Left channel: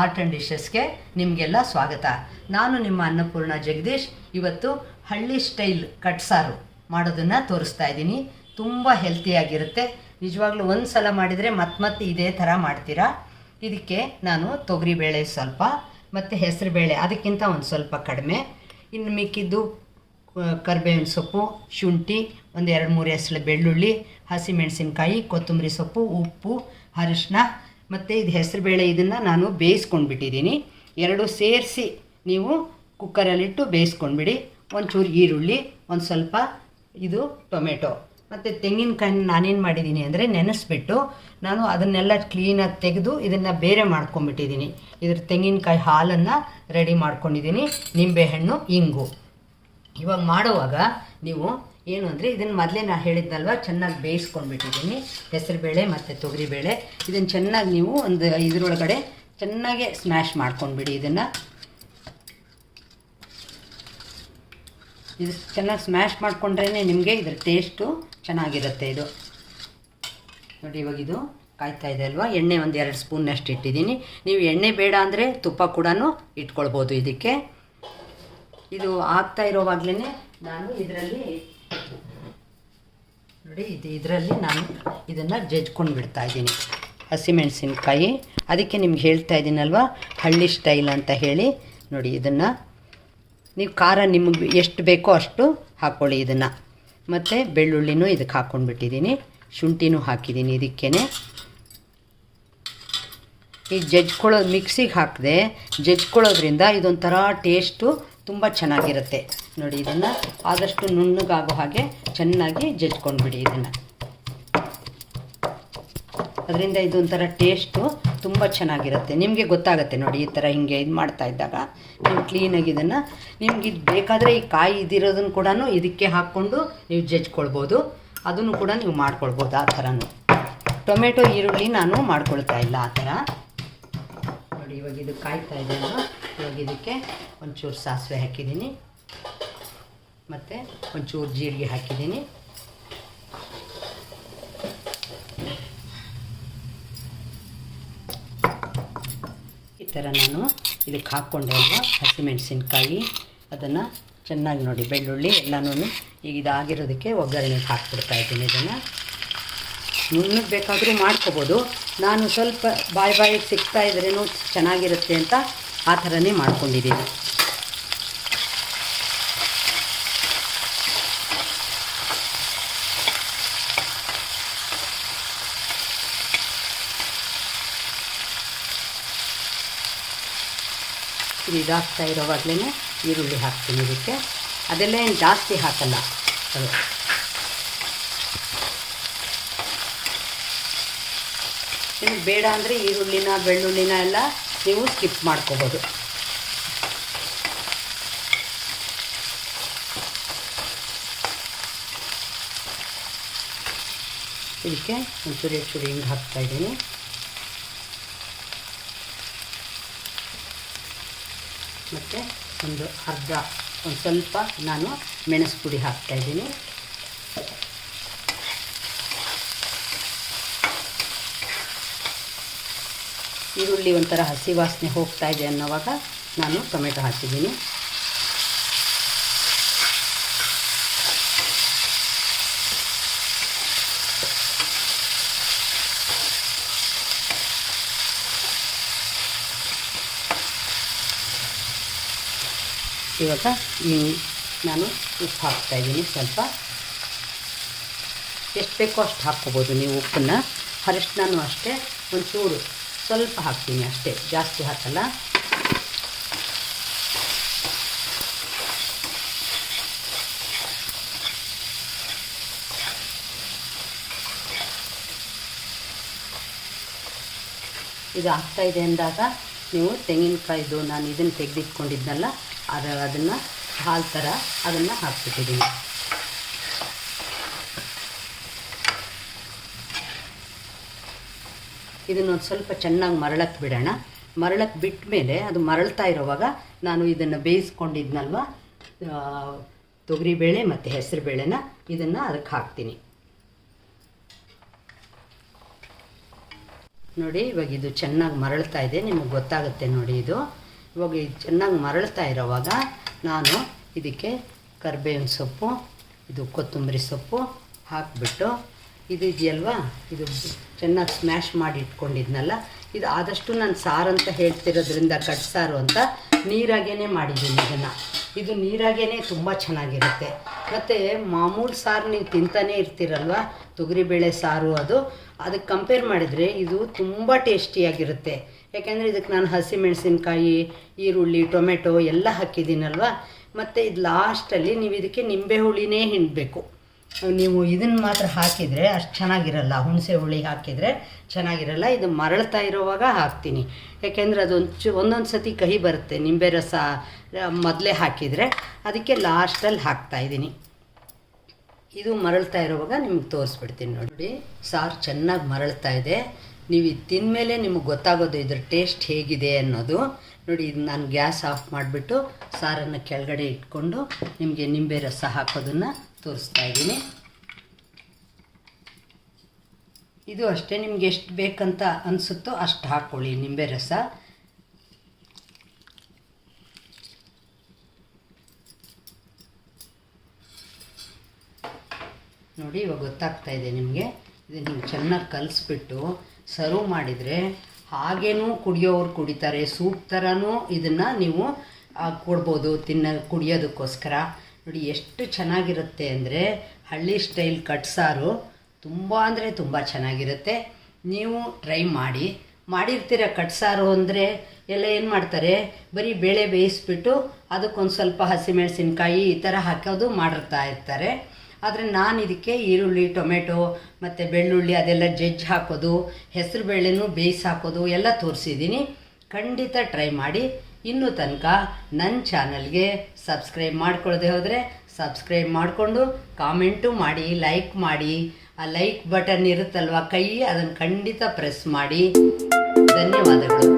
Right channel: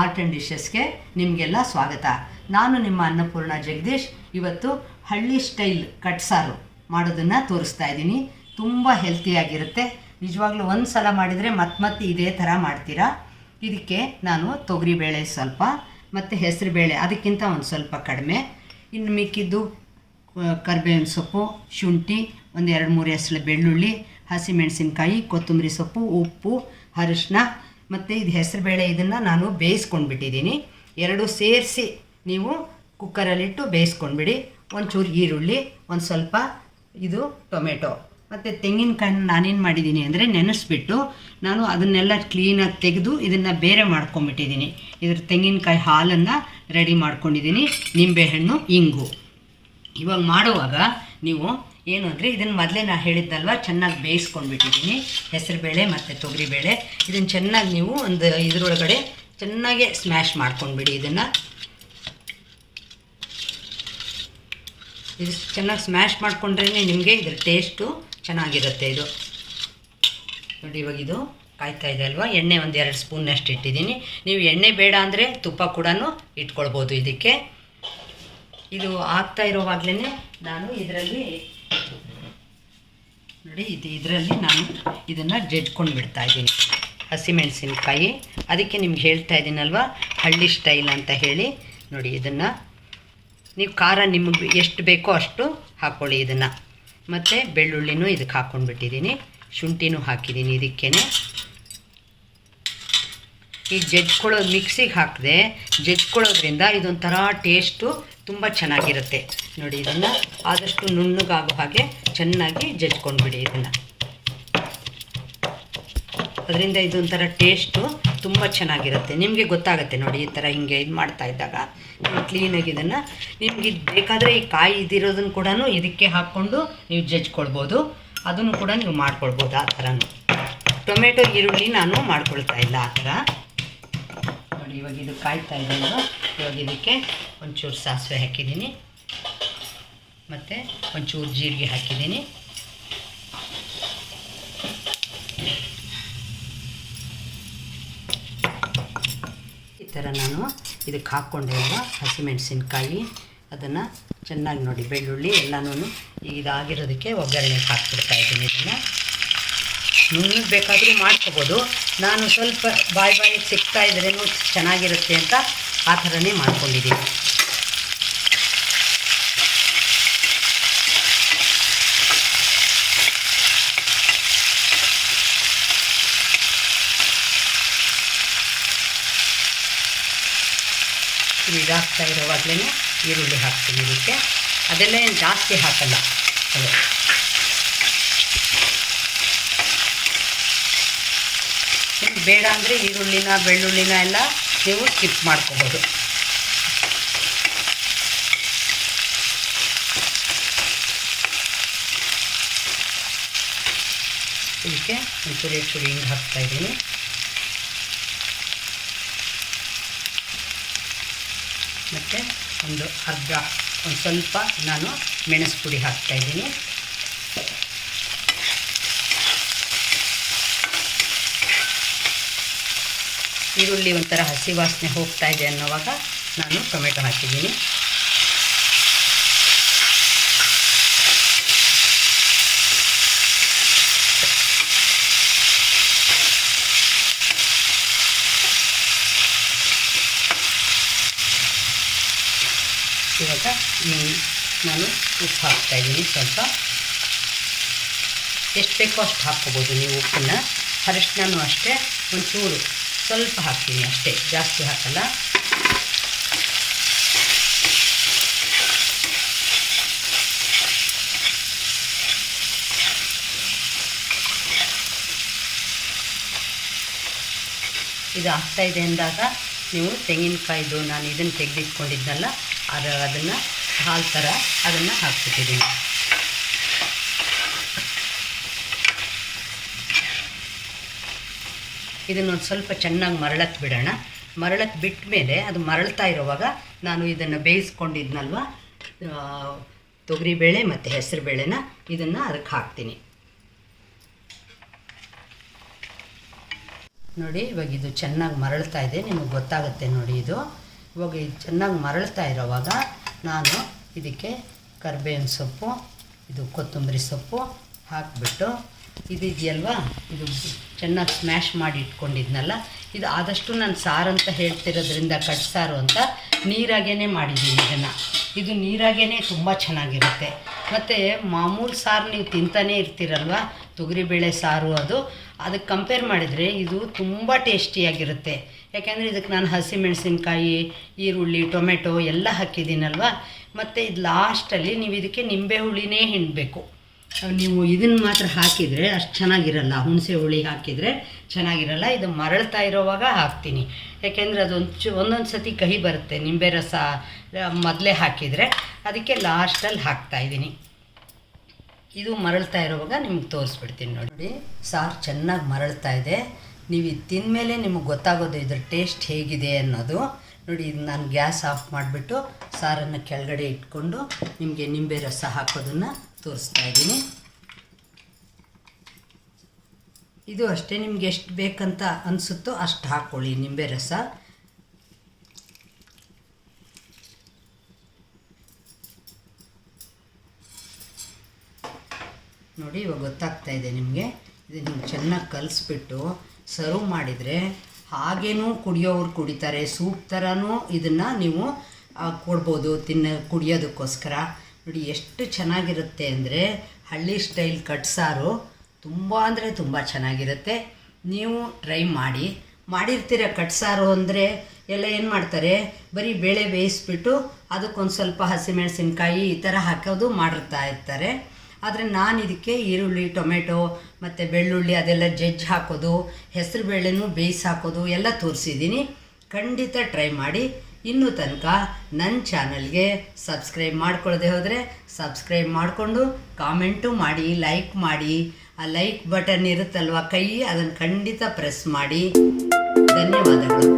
Art and ಡಿಶಸ್ಗೆ ನಿಮಗೆಲ್ಲ ಸ್ವಾಗತ. ನಾನು ನಿಮ್ಮ ಅನ್ನಪೂರ್ಣ ಜಗದೀಶ್. ಇವತ್ತು ಹಳ್ಳಿ ಸ್ಟೈಲ್ ಕಟ್ಸಾರು ಮಾಡೋದನ್ನು ತೋರಿಸ್ತಾ ಇದ್ದೀನಿ. ತುಂಬ ಹೆಲ್ತಿಯಾಗಿರುತ್ತೆ ನಿಜವಾಗ್ಲೂ ಒಂದು ಸಲ ಮಾಡಿದರೆ ಮತ್ತೆ ಮತ್ತೆ ಇದೇ ಥರ ಮಾಡ್ತೀರಾ? ಇದಕ್ಕೆ ನಾನು ತೊಗರಿಬೇಳೆ ಸ್ವಲ್ಪ, ಮತ್ತು ಹೆಸರುಬೇಳೆ ಅದಕ್ಕಿಂತ ಒಂದು ಸ್ವಲ್ಪ ಕಡಿಮೆ. ಇನ್ನು ಮಿಕ್ಕಿದ್ದು ಕರಿಬೇವಿನ ಸೊಪ್ಪು, ಶುಂಠಿ, ಒಂದು ಎರಡು ಮೂರು ಹೆಸರು ಬೆಳ್ಳುಳ್ಳಿ, ಹಸಿಮೆಣಸಿನ್ಕಾಯಿ, ಕೊತ್ತಂಬರಿ ಸೊಪ್ಪು, ಉಪ್ಪು ಅರಿಶಿನ ಮತ್ತು ಇದು ಹೆಸರುಬೇಳೆ ಇದನ್ನು ನಾನು ಬೇಯಿಸ್ಕೊಂಡ್ಬಿಟ್ಟಿದ್ದೀನಿ. ಎರಡು ಸೇರಿಸಿ ನೀವು ಕುಕ್ಕರಲ್ಲಿಟ್ಟು ಬೇಯಿಸ್ಕೊಂಡ್ಬಿಡಿ. ಒಂಚೂರು ಈರುಳ್ಳಿ, ಒಂದು ಸ್ವಲ್ಪ ಇದು ಟೊಮೆಟೊ. ಮತ್ತು ತೆಂಗಿನಕಾಯಿ ನಾನೇನು ಮಾಡಿದ್ದೀನಿ ಅಂದರೆ ನೆನೆಸ್ಬಿಟ್ಟು ನಾನು ಅದನ್ನೆಲ್ಲ ಕ್ಲೀನಾಗಿ ತೆಗೆದು ಇದನ್ನು ಬೇರೆ ಮಾಡ್ಕೊಂಬಿಟ್ಟಿದ್ದೀನಿ ಇದ್ರ ತೆಂಗಿನಕಾಯಿ ಹಾಲನ್ನು ರೆಡಿ ಮಾಡ್ಕೊಂಡಿದ್ದೀನಿ. ನಿಂಬೆಹಣ್ಣು, ಇಂಗು. ಇವಾಗ ಮಾಡುವಾಗ ನೀವು ಏನು ಅಂದರೆ ಇದನ್ನು ಮೊದಲೇ ನಾನು ಹೇಳಿದ್ದಲ್ವ? ಚೆನ್ನಾಗಿ ಬೇಯಿಸ್ಕೊಂಡ್ಬಿಟ್ಟಿದ್ದೀನಿ. ಹೆಸರುಬೇಳೆ ಮತ್ತು ತೊಗರಿಬೇಳೆ. ಇದನ್ನು ಚೆನ್ನಾಗಿ ನೀವು ಒಂದು ಇದರೊಳಗಡೆ ಚೆನ್ನಾಗೆ ಸ್ಮ್ಯಾಶ್ ಮಾಡ್ಕೊಂಡ್ಬಿಡಿ ಇದನ್ನು. ಇದು ಚೆನ್ನಾಗಿ ಸ್ಮ್ಯಾಶ್ ಮಾಡಿಕೊಂಡ್ರೇ ನಿಮಗೆ ಇದರ ಟೇಸ್ಟು ಚೆನ್ನಾಗಿರುತ್ತೆ ಇದು. ನೋಡಿ ಇವಾಗ ಇದು ಕಾಯ್ತಾ ಇದೆ ಅಲ್ವಾ? ಎಣ್ಣೆ ಒಂದು ಎರಡು ಸ್ಪೂನ್ನಷ್ಟು ಇಟ್ಟಿದ್ದೀನಿ. ನೀವು ಎಣ್ಣೆ ಬೇಡ ಅಂದರೆ ತುಪ್ಪ ಕೂಡ ಇಟ್ಕೊಳ್ಬೋದು ಇದಕ್ಕೆ. ಇದು ಆಗ್ತಾ ಇರೋವಾಗಲೇ ನಾನು ಇದರಲ್ಲಿ ನೋಡಿ, ಇದು ಇದರಲ್ಲಿ ನಾನು ಇದನ್ನು ಜಜ್ಕೊಂಡು ಬಿಡ್ತಾ ಇದ್ದೀನಿ. ಹಸಿಮೆಣಸಿನ್ಕಾಯಿ ಅದಕ್ಕೆ ನಿಮ್ಗೆ ಹೇಳ್ತಾ ಇದ್ದೀನಲ್ವ, ಹಳ್ಳಿ ಸ್ಟೈಲ್ ಅಂತ ಹೇಳಿ. ನೋಡಿ, ಇದನ್ನು ನೀವು ಖಾರ ನಿಮಗೆ ಎಷ್ಟು ಬೇಕೋ ಅಷ್ಟು ಹಾಕ್ಕೊಳ್ಳಿ ಇದನ್ನು. ಮತ್ತು ಬೆಳ್ಳುಳ್ಳಿನೂ ಇದಕ್ಕೆ ಹಾಕ್ಕೊಂಡ್ಬಿಟ್ಟಿದ್ದೀನಿ ಶುಂಠಿನೂ ಹಾಕಿದ್ದೀನಿ ಇದಕ್ಕೇ ಈ ಜಜ್ಕೊಳ್ಳೋ ಮಿಕ್ಸಿಗೆ ಹಾಕಿದೆ ಜಜ್ಕೊಳ್ಳೋದ್ರಿಂದ ಇದೊಂಥರ ಟೇಸ್ಟು ತುಂಬ ಚೆನ್ನಾಗಿರುತ್ತೆ ನೋಡಿ ಇದನ್ನು. ಆದಷ್ಟು ನುಣ್ಣಗಾಗೋ ಹಾಗೆ ಚೆನ್ನಾಗಿ ಜಜ್ಕೊಂಡ್ಬಿಡಿ ಇದನ್ನು. ಅದರಿಂದ ಇದೊಂಥರ ಟೇಸ್ಟು ತುಂಬ ಚೆನ್ನಾಗಿರುತ್ತೆ. ನಿಮಗೆ ಗೊತ್ತಾಗುತ್ತೆ ನೋಡಿ ಈ ಥರ ಹಿಂಗೆ ಇದು ಮಾಡ್ತಾ ಇದ್ದಾಗ. ನೀವು ಕ್ಲೀನಾಗಿ ಇದನ್ನು, ನಿಮ್ಗೆ ಇದು ಬೇಕಾದರೆ ಈ ಕಾಯಿ ಇದಿರೋದನ್ನು ಕೂಡ ಇದಕ್ಕೆ ಹಾಕ್ಕೊಂಡು ನೀವು ಜಜ್ಕೊಳ್ಬೋದು. ಅದನ್ನು ಕೂಡ ನೀವು ಮಾಡ್ಕೊಳ್ಬೋದು ಆ ಥರನೂ ಟೊಮೆಟೊ, ಈರುಳ್ಳಿ ನಾನು ಮಾಡ್ಕೊಳ್ತಾ ಇಲ್ಲ ಆ ಥರ ನೋಡಿ, ಇವಾಗ ಇದು ಕಾಯ್ತಾ ಇದೆ ಅಲ್ವಾ? ಇವಾಗ ಇದಕ್ಕೆ ಒಂಚೂರು ಸಾಸಿವೆ ಹಾಕಿದ್ದೀನಿ. ಮತ್ತು ಒಂಚೂರು ಜೀರಿಗೆ ಹಾಕಿದ್ದೀನಿ. ಈ ಥರ ನಾನು ಇದಕ್ಕೆ ಹಾಕ್ಕೊಂಡೆ ಅಲ್ವಾ? ಹಸಿಮೆಣಸಿನ್ಕಾಯಿ, ಅದನ್ನು ಚೆನ್ನಾಗಿ ನೋಡಿ, ಬೆಳ್ಳುಳ್ಳಿ ಎಲ್ಲನೂ ಈಗ ಇದಾಗಿರೋದಕ್ಕೆ ಒಗ್ಗರಣೆಗೆ ಹಾಕ್ಬಿಡ್ತಾ ಇದ್ದೀನಿ ಇದನ್ನು. ನುಣ್ಣಗೆ ಬೇಕಾದರೂ ಮಾಡ್ಕೋಬೋದು. ನಾನು ಸ್ವಲ್ಪ ಬಾಯಿ ಬಾಯಿಗೆ ಸಿಗ್ತಾ ಇದ್ರೇನು ಚೆನ್ನಾಗಿರುತ್ತೆ ಅಂತ ಆ ಥರನೇ ಮಾಡ್ಕೊಂಡಿದ್ದೀನಿ. ಇದು ಇದಾಗ್ತಾ ಇರೋವಾಗಲೇ ಈರುಳ್ಳಿ ಹಾಕ್ತೀನಿ ಇದಕ್ಕೆ. ಅದೆಲ್ಲ ಏನು ಜಾಸ್ತಿ ಹಾಕಲ್ಲ. ನಿಮ್ಗೆ ಬೇಡ ಅಂದರೆ ಈರುಳ್ಳಿನ, ಬೆಳ್ಳುಳ್ಳಿನ ಎಲ್ಲ ನೀವು ಸ್ಕಿಪ್ ಮಾಡ್ಕೋಬೋದು. ಇದಕ್ಕೆ ಒಂಚೂರು ಚೂರು ಹಿಂಗೆ ಹಾಕ್ತಾ ಇದ್ದೀನಿ. ಮತ್ತು ಒಂದು ಅರ್ಧ, ಒಂದು ಸ್ವಲ್ಪ ನಾನು ಮೆಣಸು ಪುಡಿ ಹಾಕ್ತಾಯಿದ್ದೀನಿ ಈರುಳ್ಳಿ ಒಂಥರ ಹಸಿ ವಾಸನೆ ಹೋಗ್ತಾ ಇದೆ ಅನ್ನೋವಾಗ ನಾನು ಟೊಮೆಟೊ ಹಾಕಿದ್ದೀನಿ. ಇವಾಗ ಈ ನಾನು ಉಪ್ಪು ಹಾಕ್ತಾಯಿದ್ದೀನಿ ಸ್ವಲ್ಪ. ಎಷ್ಟು ಬೇಕೋ ಅಷ್ಟು ಹಾಕ್ಕೋಬೋದು ನೀವು ಉಪ್ಪನ್ನು. ಅರಿಶಿನೂ ಅಷ್ಟೇ, ಒಂಚೂರು ಸ್ವಲ್ಪ ಹಾಕ್ತೀನಿ ಅಷ್ಟೇ, ಜಾಸ್ತಿ ಹಾಕಲ್ಲ. ಇದು ಆಗ್ತಾ ಇದೆ ಅಂದಾಗ ನೀವು ತೆಂಗಿನಕಾಯಿದು, ನಾನು ಇದನ್ನು ತೆಗೆದಿಟ್ಕೊಂಡಿದ್ನಲ್ಲ, ಅದು ಅದನ್ನು ಹಾಲು ಥರ ಅದನ್ನು ಹಾಕ್ಬಿಟ್ಟಿದ್ದೀನಿ. ಇದನ್ನೊಂದು ಸ್ವಲ್ಪ ಚೆನ್ನಾಗಿ ಮರಳಕ್ಕೆ ಬಿಡೋಣ. ಮರಳಕ್ಕೆ ಬಿಟ್ಟ ಮೇಲೆ ಅದು ಮರಳ್ತಾ ಇರುವಾಗ ನಾನು ಇದನ್ನು ಬೇಯಿಸ್ಕೊಂಡಿದ್ನಲ್ವ? ತೊಗರಿಬೇಳೆ ಮತ್ತು ಹೆಸರು ಬೇಳೆನ ಇದನ್ನು ಅದಕ್ಕೆ ಹಾಕ್ತೀನಿ. ನೋಡಿ, ಇವಾಗ ಇದು ಚೆನ್ನಾಗಿ ಮರಳ್ತಾ ಇದೆ. ನಿಮಗೆ ಗೊತ್ತಾಗುತ್ತೆ ನೋಡಿ ಇದು. ಇವಾಗ ಇದು ಚೆನ್ನಾಗಿ ಮರಳ್ತಾ ಇರೋವಾಗ ನಾನು ಇದಕ್ಕೆ ಕರ್ಬೇವಿನ ಸೊಪ್ಪು, ಇದು ಕೊತ್ತಂಬರಿ ಸೊಪ್ಪು ಹಾಕಿಬಿಟ್ಟು ಇದಿದೆಯಲ್ವಾ ಇದು ಚೆನ್ನಾಗಿ ಸ್ಮ್ಯಾಶ್ ಮಾಡಿ ಇಟ್ಕೊಂಡಿದ್ನಲ್ಲ, ಇದು ಆದಷ್ಟು ನಾನು ಸಾರು ಅಂತ ಹೇಳ್ತಿರೋದ್ರಿಂದ ಕಟ್ಸಾರು ಅಂತ ನೀರಾಗೇ ಮಾಡಿದ್ದೀನಿ ಇದನ್ನು. ಇದು ನೀರಾಗೇ ತುಂಬ ಚೆನ್ನಾಗಿರುತ್ತೆ. ಮತ್ತು ಮಾಮೂಲು ಸಾರು ನೀವು ತಿಂತಾನೇ ಇರ್ತೀರಲ್ವ? ತೊಗರಿಬೇಳೆ ಸಾರು ಅದು. ಅದಕ್ಕೆ ಕಂಪೇರ್ ಮಾಡಿದರೆ ಇದು ತುಂಬ ಟೇಸ್ಟಿಯಾಗಿರುತ್ತೆ ಯಾಕೆಂದರೆ ಇದಕ್ಕೆ ನಾನು ಹಸಿಮೆಣಸಿನ್ಕಾಯಿ, ಈರುಳ್ಳಿ, ಟೊಮೆಟೊ ಎಲ್ಲ ಹಾಕಿದ್ದೀನಲ್ವ? ಮತ್ತು ಇದು ಲಾಸ್ಟಲ್ಲಿ ನೀವು ಇದಕ್ಕೆ ನಿಂಬೆ ಹುಳಿನೇ ಹಿಂಡಬೇಕು. ನೀವು ಇದನ್ನು ಮಾತ್ರ ಹಾಕಿದರೆ ಅಷ್ಟು ಚೆನ್ನಾಗಿರಲ್ಲ. ಹುಣಸೆ ಹುಳಿ ಹಾಕಿದರೆ ಚೆನ್ನಾಗಿರಲ್ಲ. ಇದು ಮರಳ್ತಾ ಇರೋವಾಗ ಹಾಕ್ತೀನಿ. ಯಾಕೆಂದರೆ ಅದೊಂದು ಚು ಒಂದೊಂದು ಸತಿ ಕಹಿ ಬರುತ್ತೆ. ನಿಂಬೆ ರಸ ಮೊದಲೇ ಹಾಕಿದರೆ ಅದಕ್ಕೆ ಲಾಸ್ಟಲ್ಲಿ ಹಾಕ್ತಾಯಿದ್ದೀನಿ ಇದು ಮರಳ್ತಾ ಇರೋವಾಗ ನಿಮ್ಗೆ ತೋರಿಸ್ಬಿಡ್ತೀನಿ ನೋಡಿ. ಸಾರು ಚೆನ್ನಾಗಿ ಮರಳ್ತಾ ಇದೆ. ನೀವು ಇದು ತಿಂದಮೇಲೆ ನಿಮಗೆ ಗೊತ್ತಾಗೋದು ಇದ್ರ ಟೇಸ್ಟ್ ಹೇಗಿದೆ ಅನ್ನೋದು. ನೋಡಿ, ಇದು ನಾನು ಗ್ಯಾಸ್ ಆಫ್ ಮಾಡಿಬಿಟ್ಟು ಸಾರನ್ನು ಕೆಳಗಡೆ ಇಟ್ಕೊಂಡು ನಿಮಗೆ ನಿಂಬೆ ರಸ ಹಾಕೋದನ್ನು ತೋರಿಸ್ತಾ ಇದ್ದೀನಿ. ಇದು ಅಷ್ಟೇ, ನಿಮ್ಗೆ ಎಷ್ಟು ಬೇಕಂತ ಅನಿಸುತ್ತೋ ಅಷ್ಟು ಹಾಕ್ಕೊಳ್ಳಿ ನಿಂಬೆ ರಸ ನೋಡಿ, ಇವಾಗ ಗೊತ್ತಾಗ್ತಾ ಇದೆ ನಿಮಗೆ. ಇದನ್ನು ನೀವು ಚೆನ್ನಾಗಿ ಕಲಿಸ್ಬಿಟ್ಟು ಸರ್ವ್ ಮಾಡಿದರೆ ಹಾಗೇನೂ ಕುಡಿಯೋರು ಕುಡಿತಾರೆ, ಸೂಪ್ ಥರನೂ ಇದನ್ನು ನೀವು ಕೊಡ್ಬೋದು ತಿನ್ನ, ಕುಡಿಯೋದಕ್ಕೋಸ್ಕರ. ನೋಡಿ, ಎಷ್ಟು ಚೆನ್ನಾಗಿರುತ್ತೆ ಅಂದರೆ ಹಳ್ಳಿ ಸ್ಟೈಲ್ ಕಟ್ಸಾರು ತುಂಬ ಅಂದರೆ ತುಂಬ ಚೆನ್ನಾಗಿರುತ್ತೆ. ನೀವು ಟ್ರೈ ಮಾಡಿ. ಮಾಡಿರ್ತೀರ ಕಟ್ಸಾರು ಅಂದರೆ ಎಲ್ಲ ಏನು ಮಾಡ್ತಾರೆ? ಬರೀ ಬೇಳೆ ಬೇಯಿಸ್ಬಿಟ್ಟು ಅದಕ್ಕೊಂದು ಸ್ವಲ್ಪ ಹಸಿಮೆಣಸಿನ್ಕಾಯಿ ಈ ಥರ ಹಾಕೋದು ಮಾಡಿರ್ತಾ ಇರ್ತಾರೆ. ಆದರೆ ನಾನು ಇದಕ್ಕೆ ಈರುಳ್ಳಿ, ಟೊಮೆಟೊ ಮತ್ತು ಬೆಳ್ಳುಳ್ಳಿ ಅದೆಲ್ಲ ಜಜ್ಜಿ ಹಾಕೋದು, ಹೆಸರು ಬೇಳೆನೂ ಬೇಯಿಸಿ ಹಾಕೋದು ಎಲ್ಲ ತೋರಿಸಿದ್ದೀನಿ. ಖಂಡಿತ ಟ್ರೈ ಮಾಡಿ. ಇನ್ನೂ ತನಕ ನನ್ನ ಚಾನಲ್ಗೆ ಸಬ್ಸ್ಕ್ರೈಬ್ ಮಾಡ್ಕೊಳ್ಳದೆ ಹೋದರೆ ಸಬ್ಸ್ಕ್ರೈಬ್ ಮಾಡಿಕೊಂಡು ಕಾಮೆಂಟು ಮಾಡಿ, ಲೈಕ್ ಮಾಡಿ. ಆ ಲೈಕ್ ಬಟನ್ ಇರುತ್ತಲ್ವ ಕೈ ಅದನ್ನು ಖಂಡಿತ ಪ್ರೆಸ್ ಮಾಡಿ. ಧನ್ಯವಾದಗಳು.